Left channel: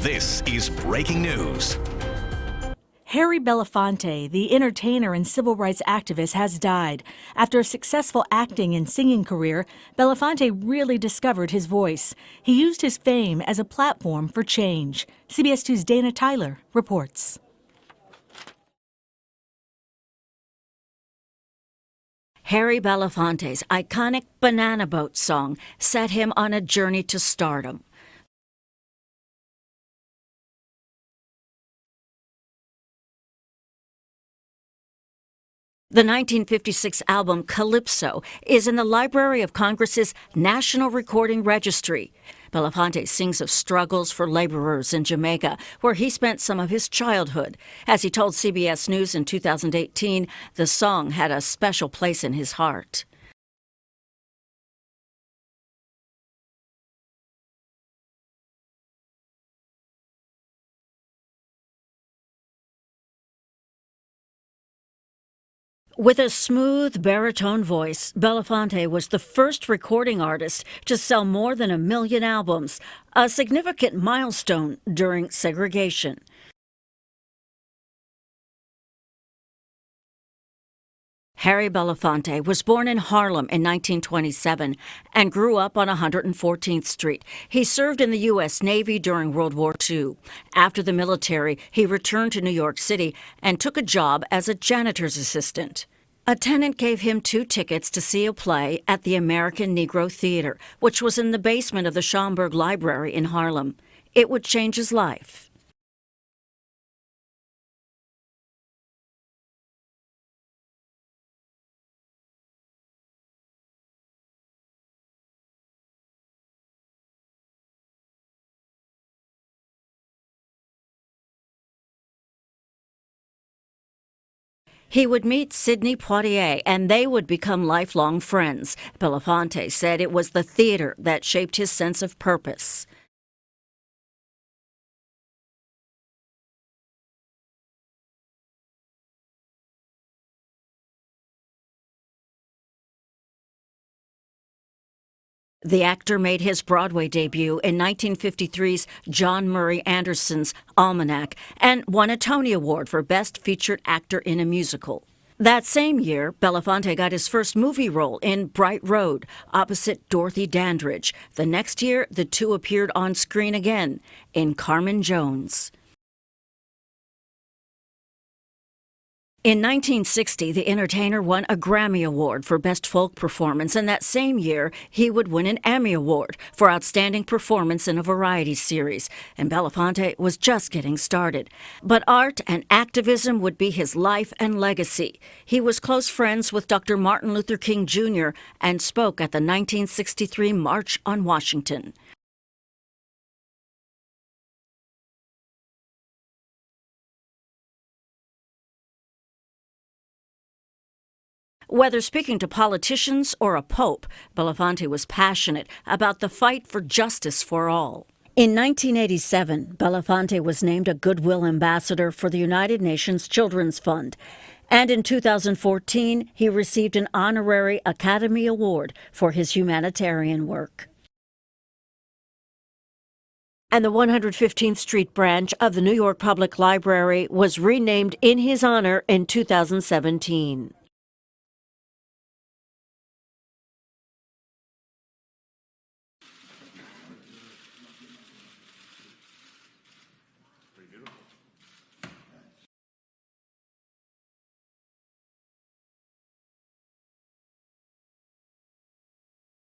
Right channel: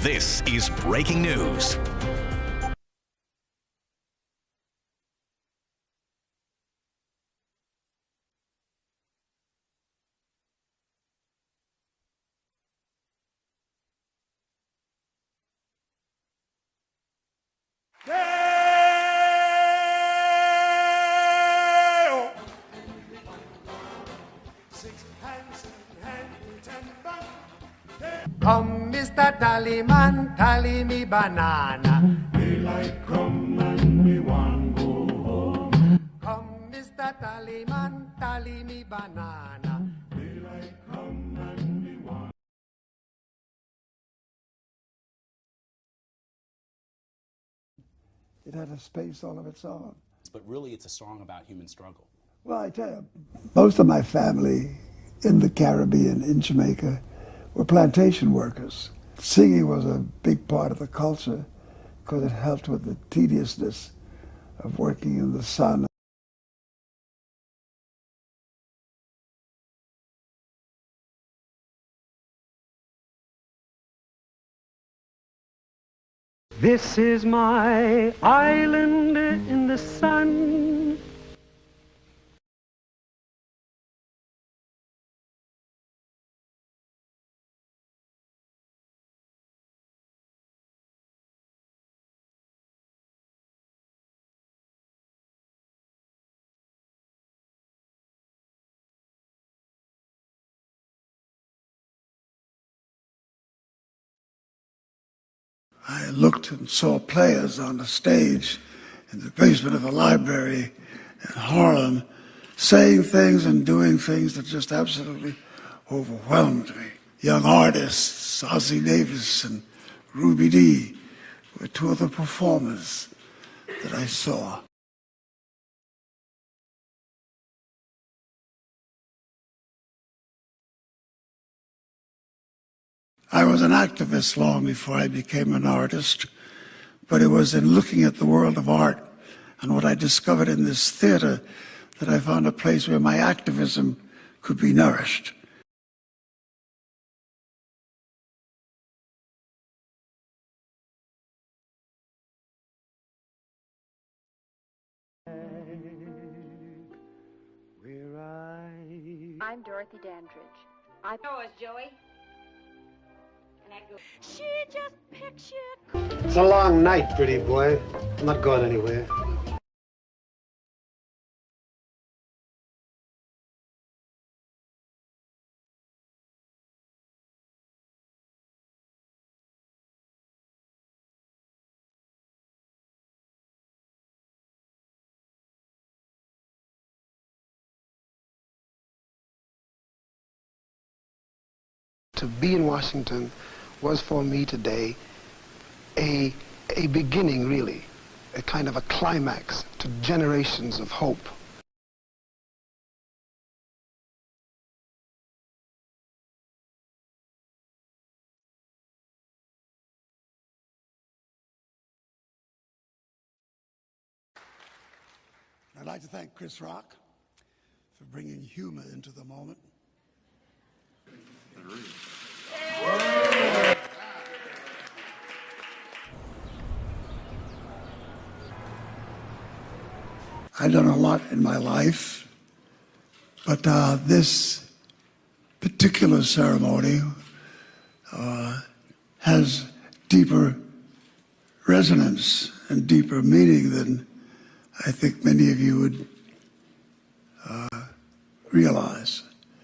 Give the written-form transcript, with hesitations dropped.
This is breaking news. Harry Belafonte, the entertainer and civil rights activist, has died. After a successful acting and singing career, Belafonte really discovered his voice. He used his fame as a platform for change. CBS 2's Dana Tyler reports. Harry Belafonte's iconic Banana Boat song set him on a journey to stardom. Come, Mr. Tallyman, tally me banana. Daylight come and me want go home. The 1956 album Calypso is in the Library of Congress's National Recording Registry. Belafonte sings of struggles for laborers in Jamaica, where he spent some of his childhood. As he told CBS News in 2018, the song had a special place in his heart. Most of my family in the Caribbean, in Jamaica, were plantation workers. Singing was a big part of the culture because it helped with the tediousness of working in the sun. With a smooth baritone voice, Belafonte was the first recording artist to sell more than 1 million albums, a significant milestone during segregation. This is my island in the sun. Harry Belafonte was born in Harlem in 1927 and grew up on 114th Street. He served in the U.S. Navy during World War II. After the military, he returned to New York City and took a job as a janitor's assistant. A tenant gave him 2 tickets to see a play at the American Negro Theater, which was in the basement of the Schomburg Library in Harlem. It would change his life. I looked and saw players on the stage in the basement of a library in Harlem, saying things and doing things that just absolutely overwhelmed me. Young artists, Ossie Davis and Ruby Dee, were 2 of the performers that I saw. He would meet Sidney Poitier, and they would become lifelong friends. Belafonte said it was the theater that shaped his sense of purpose. I was an activist long before I became an artist, but it was in looking at the world of art and what I discovered in this theater that I found a place where my activism could be nourished. The actor made his Broadway debut in 1953's John Murray Anderson's Almanac and won a Tony Award for Best Featured Actor in a Musical. That same year, Belafonte got his first movie role in Bright Road, opposite Dorothy Dandridge. The next year, the 2 appeared on screen again in Carmen Jones. It's a long night, pretty boy. I'm not going anywhere. In 1960, the entertainer won a Grammy Award for Best Folk Performance, and that same year, he would win an Emmy Award for Outstanding Performance in a Variety Series. And Belafonte was just getting started. But art and activism would be his life and legacy. He was close friends with Dr. Martin Luther King Jr. and spoke at the 1963 March on Washington. To be in Washington was for me today a beginning, really. A kind of a climax to generations of hope. Whether speaking to politicians or a pope, Belafonte was passionate about the fight for justice for all. In 1987, Belafonte was named a Goodwill Ambassador for the United Nations Children's Fund. And in 2014, he received an honorary Academy Award for his humanitarian work. And the 115th Street branch of the New York Public Library was renamed in his honor in 2017. I've done a lot in my life, but this particular ceremony has deeper resonance and deeper meaning than I think many of you would realize.